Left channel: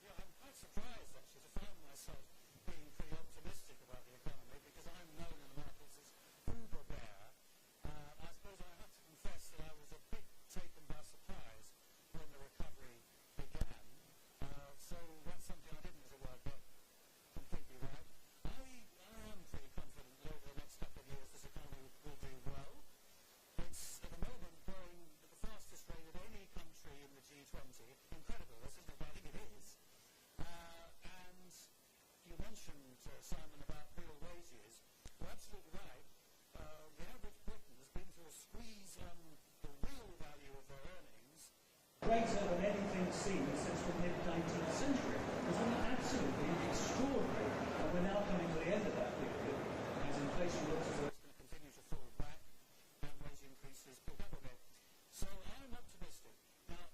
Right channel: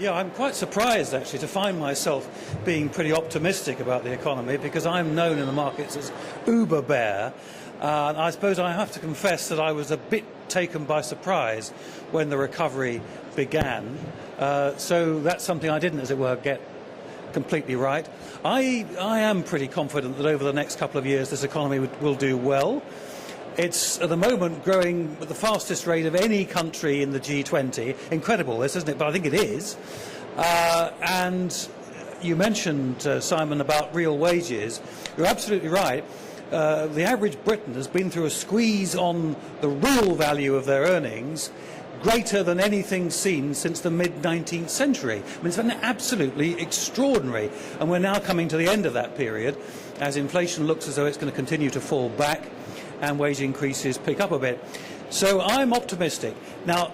Yeah, I'm quite surprised actually to find myself being pretty optimistic about the economy, because I'm known in the markets as uber bear. I suppose I have to confess that I was a bit taken by surprise when the recovery began. So that's something I didn't, as it were, get completely right. I am pretty confident that over the next couple of years this economy will do well. It's at the moment growing at the fastest rate of any country in the G20. Incredible this, isn't it? But I think it is. And you mentioned, Simon, about real wages. You're absolutely right. The average Briton has been through a squeeze on the real value of their earnings greater than anything seen since the mid-19th century. I mean, it's been absolutely extraordinary. And we're now coming to the end of that period as inflation looks as though it's going to continue to fall back and wage increases pick up a bit. So I'm optimistic. Now,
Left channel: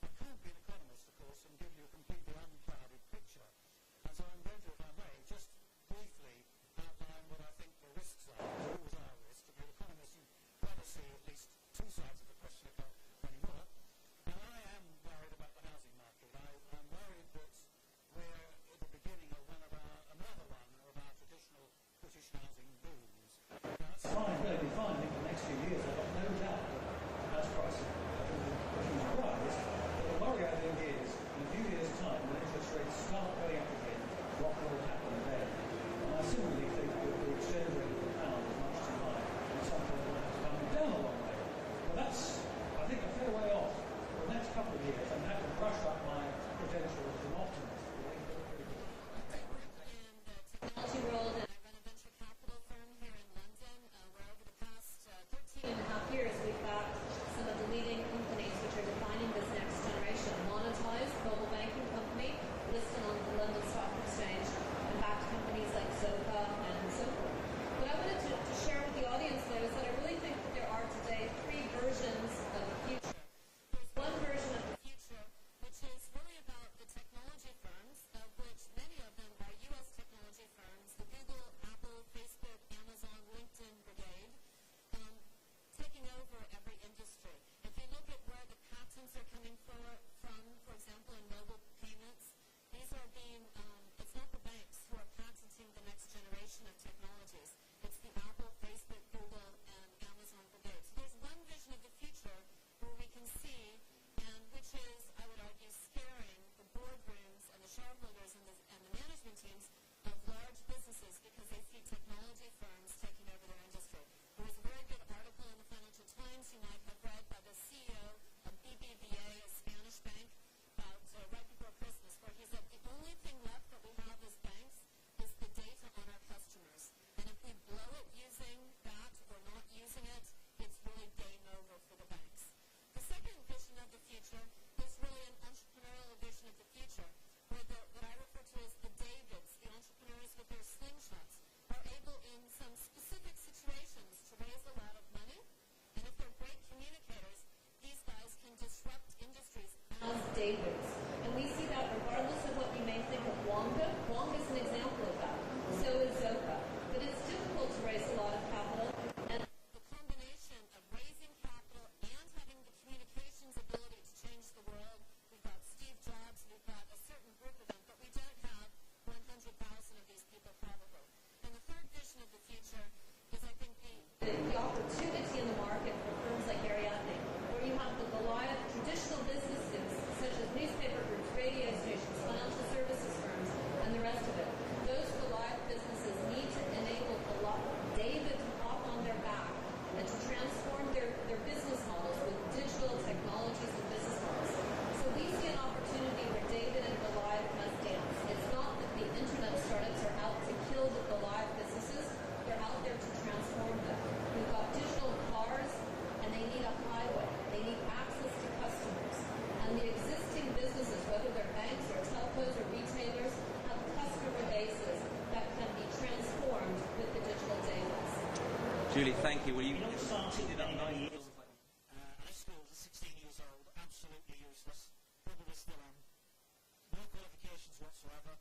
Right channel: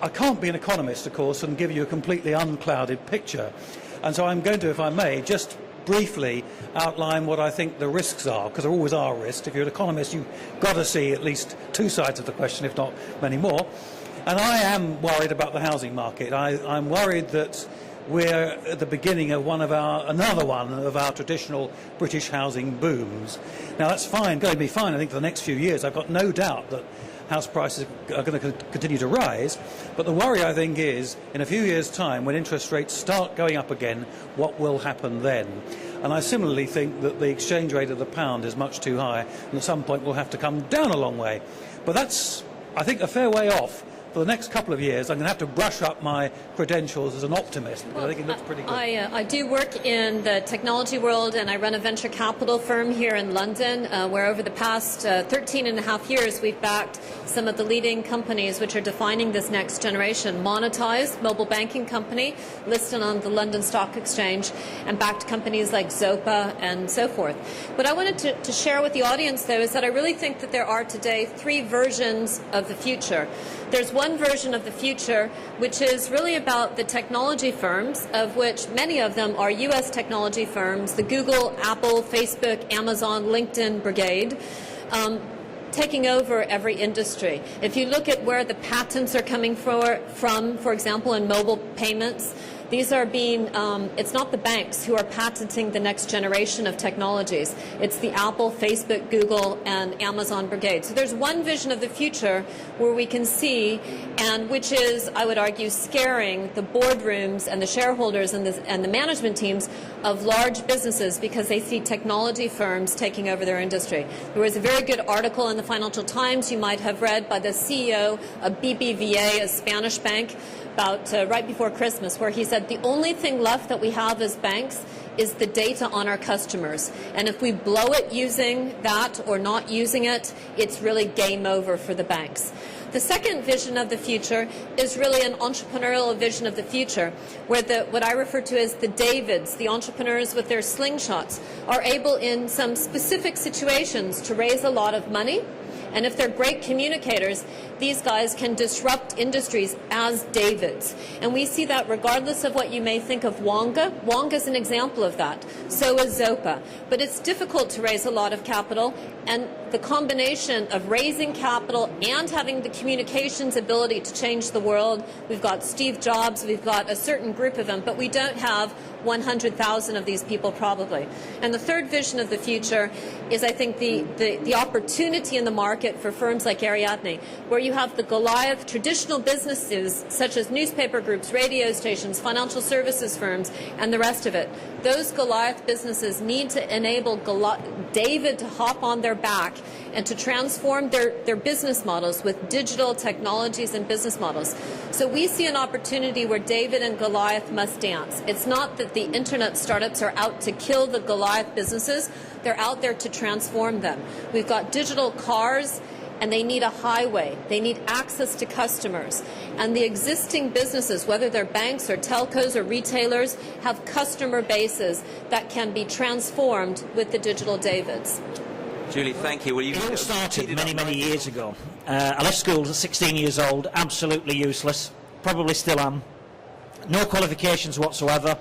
I can't be an economist, of course, and give you a completely unclouded picture. And so I'm going to, if I may, just briefly outline what I think the risks are, because there always are risks. If you're an economist, you've got to see at least two sides of the question, if not many more. And I am worried about the housing market. I'm worried that we're at the beginning of another one of our traditional British housing booms. Now that's fine, going to be fine I think for the next few years. I've got no doubt that house prices are going to continue to rise, but the worry I think is in a few years' time when interest rates start going up again, what will happen then? And I similarly think that the exchange rate of the pound is much too high and at some point will have to come down a long way. But that's, I think, a fair way off. For the next couple of years, I'm going to have to brush up my credentials as an optimist, but I think it looks pretty good. I do work in the technology world, and I run a venture capital firm here in London, where over the past 13 and a half years, we've backed some of the leading companies which are defining this next generation. Monetized, mobile banking company, listed on the London Stock Exchange, and backed companies like Zopa and so forth. What I wanted to share with the audience, though, is that I really think that there are today three versions of the future. There's one version of the future which is really about the technology firms, of which many of them are U.S. technology firms, the Google, Apple, Facebook, Amazon, LinkedIn brigade, taking over every industry. If you look at where the patents are coming from, for example, in mobile payments, these are being, it's not the banks who are patenting the next generation of technologies. It's the Apple, Facebook, Google, and Amazon brigade. So there's one vision of the future where we can see, and which is, I would argue, scaring the boardrooms and the shareholders and the management teams of large businesses because they see technology firms taking over their industry. There was a very good article in the Financial Times you might have read by the CEO of BBVA, a Spanish bank, about right before Christmas, where he said the only thing left that we have as banks is the data on our customers. And if we blow it using that or not using it, it's really game over for the banks. The second vision of the future is really an entrepreneurial vision of the future, where what I refer to as the Davids, the entrepreneurs with their slingshots, are able in some specific situations to raise a lot of money. And if they're great communicators, these guys can disrupt industries as Davids. And we see that regardless of what you may think of Wonga. Wonga is an example of that. So is Zopa. But it's difficult to raise a lot of capital. And the combination of raising capital and having the communications ability to change the world, we've got Steve Jobs, we've got a certain group of them, but we don't have 100,000 of these people probably. And the third vision of the future is, I think, the opportunity in the market for firms like Ariadne, where you have the Goliath traditional businesses such as newspaper groups, radio stations, financial services firms, and the rest of it. Those Goliath businesses need to enable David to hop on their back and to transform their business models with digital technologies and business models. So we see an opportunity where David and Goliath must dance. It's not that the internet startups are out to kill the Goliath businesses. They're out there to transform them. We've got digital cars, and they need a highway. They need access to customers. And the existing businesses, whether they're banks or telcos or retailers, have customer bases that can be transformed with the digital Davids. Julie, thank you. It all started many years ago. I left school at 16 years old, absolutely useless, probably still am. No qualifications whatsoever.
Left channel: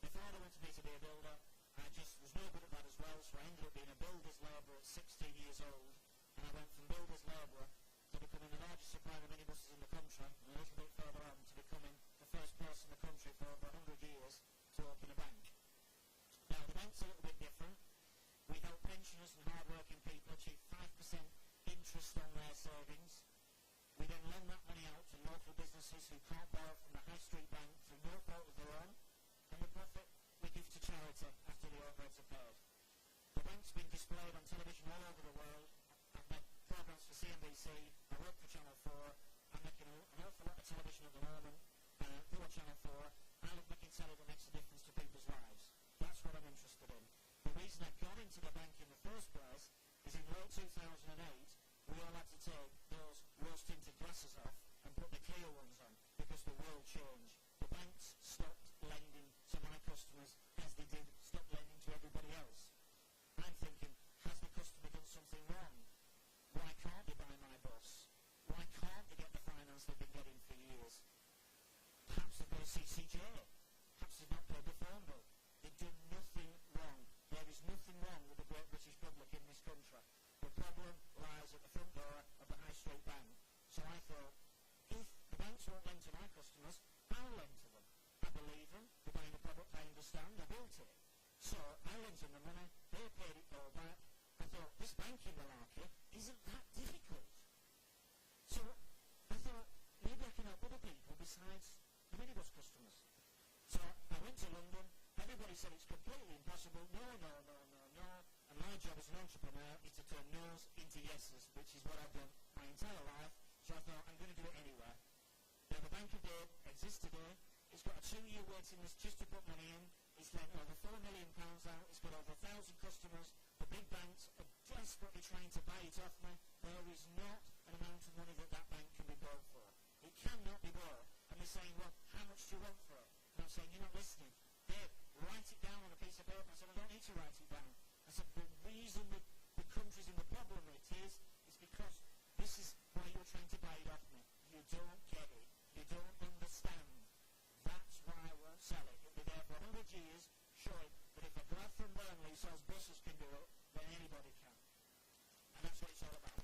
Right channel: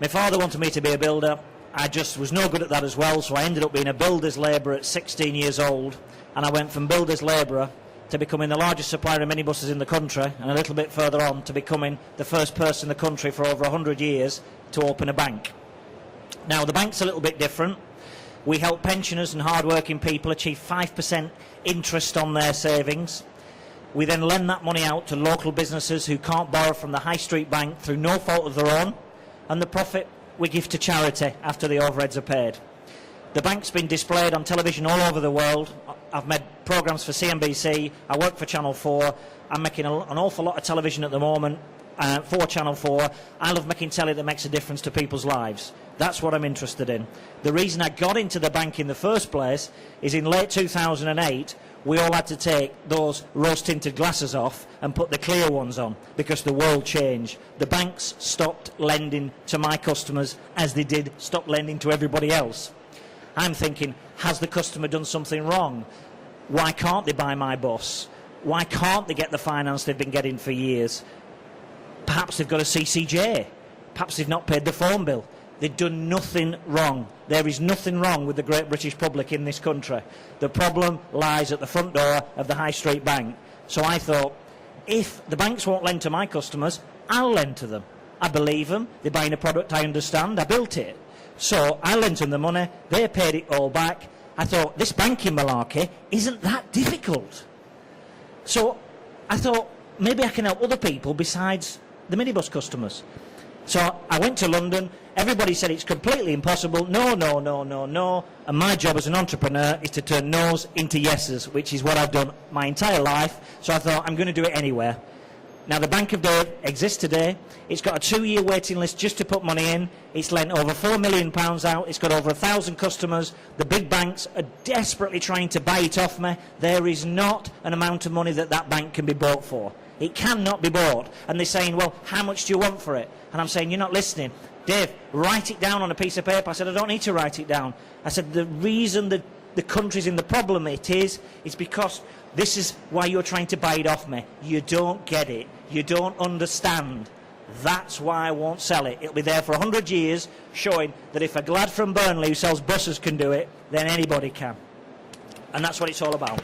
My father wanted me to be a builder. I just was no good at that as well, so I ended up being a builder's labourer at 16 years old, and I went from builder's labourer to becoming the largest supplier of minibuses in the country, and a little bit further on to becoming the first person in the country for over 100 years to open a bank. Now, the bank's a little bit different. We help pensioners and hard-working people achieve 5% interest on their savings. We then lend that money out to local businesses who can't borrow from the high street bank through no fault of their own, and the profit we give to charity after the overheads are paid. The bank's been displayed on television all over the world. I've made programmes for CNBC, I work for Channel 4, I'm making an awful lot of television at the moment for Channel 4. I love making telly that makes a difference to people's lives. That's what I'm interested in. The reason I got into the bank in the first place is in late 2008, we all had to take those rose-tinted glasses off and put the clear ones on because the world changed. The banks stopped lending to my customers as they did stop lending to everybody else. I'm thinking, has the customer done something wrong? Why can't they buy my bus? Why can't they get the finance they've been getting for years? Perhaps they've got a CCJ. Perhaps they've not paid the phone bill. They've done nothing wrong. There is nothing wrong with the great British public in this country. The problem lies at the front door of the High Street Bank. So I thought, if the banks won't lend to my customers, I'll lend to them. I believe them. They're buying a product I understand. I built it. So I lent them the money. They paid it all back. I thought, this banking malarkey isn't that difficult. So I thought, maybe I can help other people besides the minibus customers. So I went to London. Everybody said it's completely impossible. No, no, no, no, no. And my job as an entrepreneur is to turn no's into yeses, which is what I've done my entire life. So I thought, I'm going to do it anywhere. Now, the Bank of Dave exists today. It's got a 2-year waiting list just to put money in. It's lent over £4 million out. It's got over 1,000 customers. The big banks are desperately trying to buy it off me. There is not an amount of money that that bank can be bought for. It cannot be bought. And they're saying, well, how much do you want for it? And I'm saying, you're not listening. Dave, write it down on a piece of paper. I said, I don't need to write it down. I said, the reason that the country's in the problem it is because this is why you're trying to buy it off me. You don't get it. You don't understand. That's why I won't sell it. It'll be there for 100 years, showing that if a glad from Burnley who sells buses can do it, then anybody can. And that's what it's all about.